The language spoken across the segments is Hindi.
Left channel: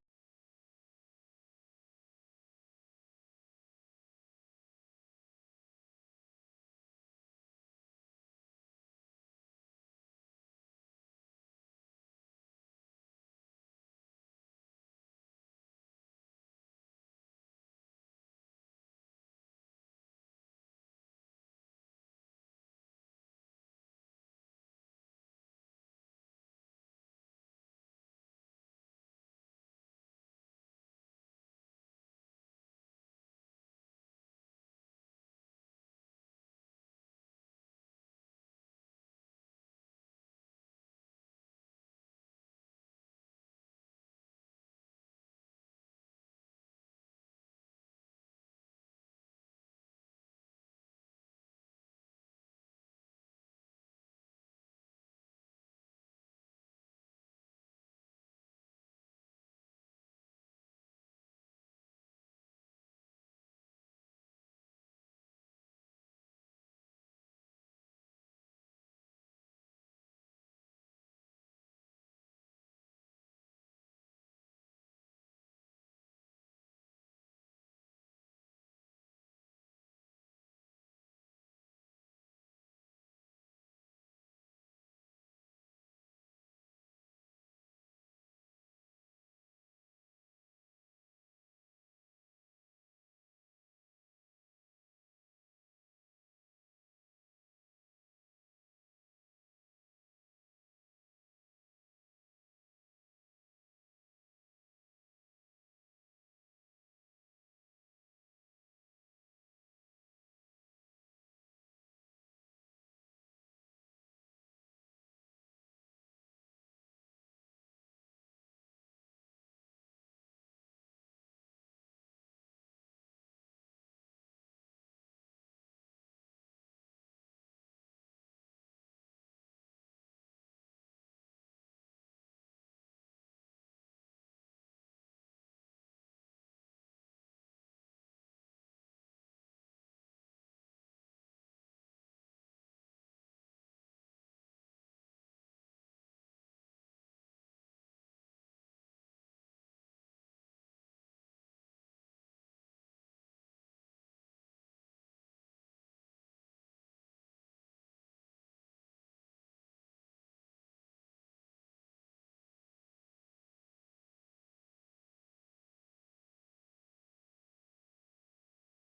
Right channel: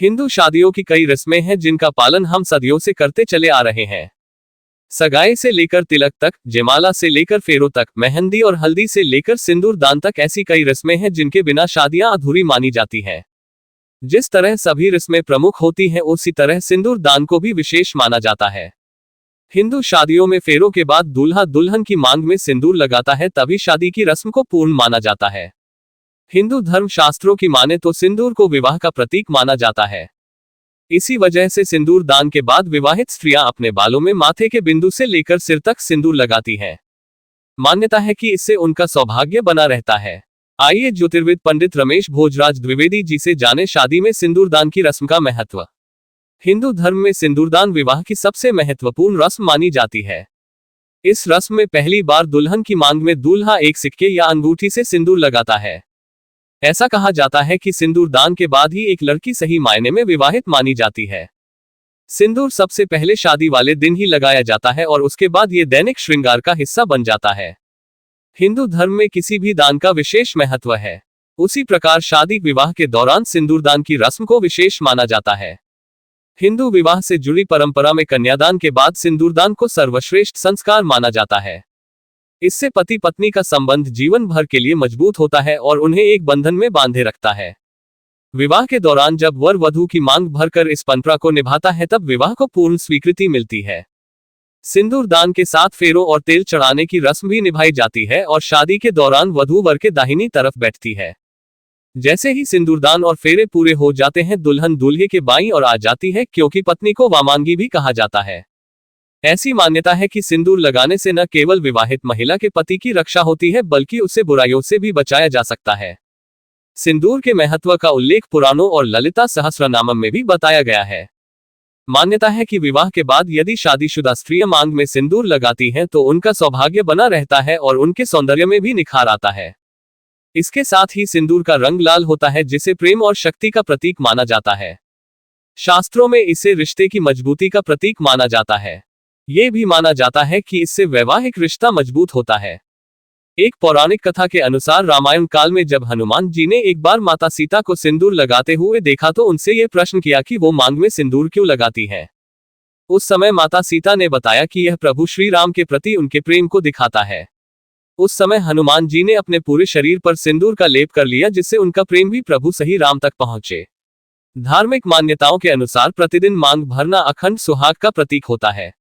हिंदू शादियों की कई रस्में हैं जिनका पालन हम सदियों से करते चले आ रहे हैं। सगाई से लेकर तिलक तक, जयमाला से लेकर फेरों तक, मेहंदी और हल्दी से लेकर सिंदूर दान तक ऐसी कई रस्में हैं जिनके बिना शादियां अधूरी मानी जाती हैं। जिस तरह सभी रस्में प्रमुख होती हैं उसी तरह सिंदूर दान को भी विशेष माना जाता है। हिंदू शादियों में फेरों के बाद दूल्हा दुल्हन की मांग में सिंदूर लगाता है, तभी शादी की रस्म को पूर्ण माना जाता है। हिंदू धर्म शास्त्रों की माने तो सिंदूर को विवाह का प्रतीक माना जाता है। इसी वजह से सिंदूर दान के बाद विवाहित स्त्रियां अपने बालों में माथे के बिंदु से लेकर सिर तक सिंदूर लगाती हैं। मान्यता है कि इससे उनका सौभाग्य बना रहता है। आइए ज्योतिर्विद पंडित रमेश भोजराज द्विवेदी जी से जाने शादी में सिंदूर दान की रस्म का महत्व। हिंदू धर्म में सिंदूरदान विवाह की सबसे महत्वपूर्ण रस्म मानी जाती है। इस रस्म में पहली बार दुल्हन की मांग में दूल्हा एक सिक्के या अंगूठी से सिंदूर लगाता है। ऐसा कहा जाता है कि सिंदूर दान के बाद ही एक लड़की सही मायने में विवाहित मानी जाती है। सिंदूर सबसे पहले शादी वाले दिन ही लगाया जाता है और उसके बाद ये दैनिक श्रृंगार का हिस्सा बन जाता है। हिंदू धर्म में किसी भी दान का विशेष महत्व है। उसी प्रकार शादी विवाह के दौरान सिंदूरदान की रस्म को विशेष माना जाता है। हिंदू विवाह से जुड़ी परंपरा में कन्यादान के बाद सिंदूरदान को सर्वश्रेष्ठ संस्कार माना जाता है। इससे पति पत्नी का संबंध जीवन भर के लिए मजबूत होता है और उन्हें एक बंधन में बांधे रखता है। विवाह के दौरान जब वर वधू की मांग भरकर इस परंपरा को निभाता है तब विवाह को पूर्ण स्वीकृति मिलती है। सिंदूर दान के साथ फेरों और तेल चढ़ाने की रस्म भी निभाई जाती है और शादी के दौरान वधू वर के दाहिनी तरफ बैठती है। जैसे ही सिंदूरदान और फेरे पूरे हो जाते हैं दुल्हन दूल्हे के बाईं ओर आ जाती है, क्योंकि पत्नी को वामांगी भी कहा जाता है। ऐसी मान्यता है कि सिंदूर लगाने से न केवल विवाहित महिला के पति की रक्षा होती है बल्कि उसे बुराइयों से भी बचाया जा सकता है। सिंदूर के महत्व का उल्लेख पुराणों और ललिता सहस्रनामम में भी बताया गया है। मान्यता है कि विवाह के बाद यदि शादीशुदा स्त्रियां मांग में सिंदूर लगाती हैं तो उनका सौभाग्य बना रहता है और उनके सौंदर्य में भी निखार आता है। इसके साथ ही सिंदूर का रंग लाल होता है जिसे प्रेम और शक्ति का प्रतीक माना जाता है। शास्त्रों में इसे रिश्ते की मजबूती का प्रतीक माना जाता है। ये भी माना जाता है कि इससे वैवाहिक रिश्ता मजबूत होता है। एक पौराणिक कथा के अनुसार रामायण काल में जब हनुमान जी ने एक बार माता सीता को सिंदूर लगाते हुए देखा तो उनसे ये प्रश्न किया कि वो मांग में सिंदूर क्यों लगाती हैं। उस समय माता सीता ने बताया कि यह प्रभु श्री राम के प्रति उनके प्रेम को दिखाता है। उस समय हनुमान जी ने अपने पूरे शरीर पर सिंदूर का लेप कर लिया जिससे उनका प्रेम भी प्रभु सही राम तक पहुंचे। धार्मिक मान्यताओं के अनुसार प्रतिदिन मांग भरना अखंड सुहाग का प्रतीक होता है।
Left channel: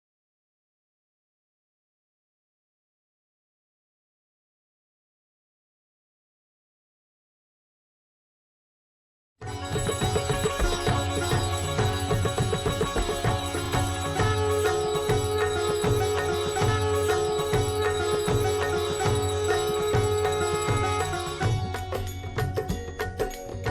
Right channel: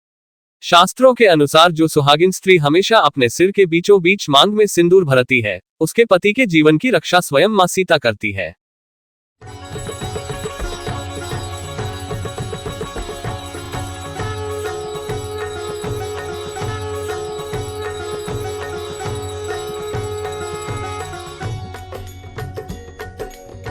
शास्त्रों के अनुसार जो सुहागिन स्त्री हमेशा अपने सिर के बीचों बीच मांग में सिंदूर भरती है उसके पति के जीवन की रक्षा स्वयं मां सीता करती है।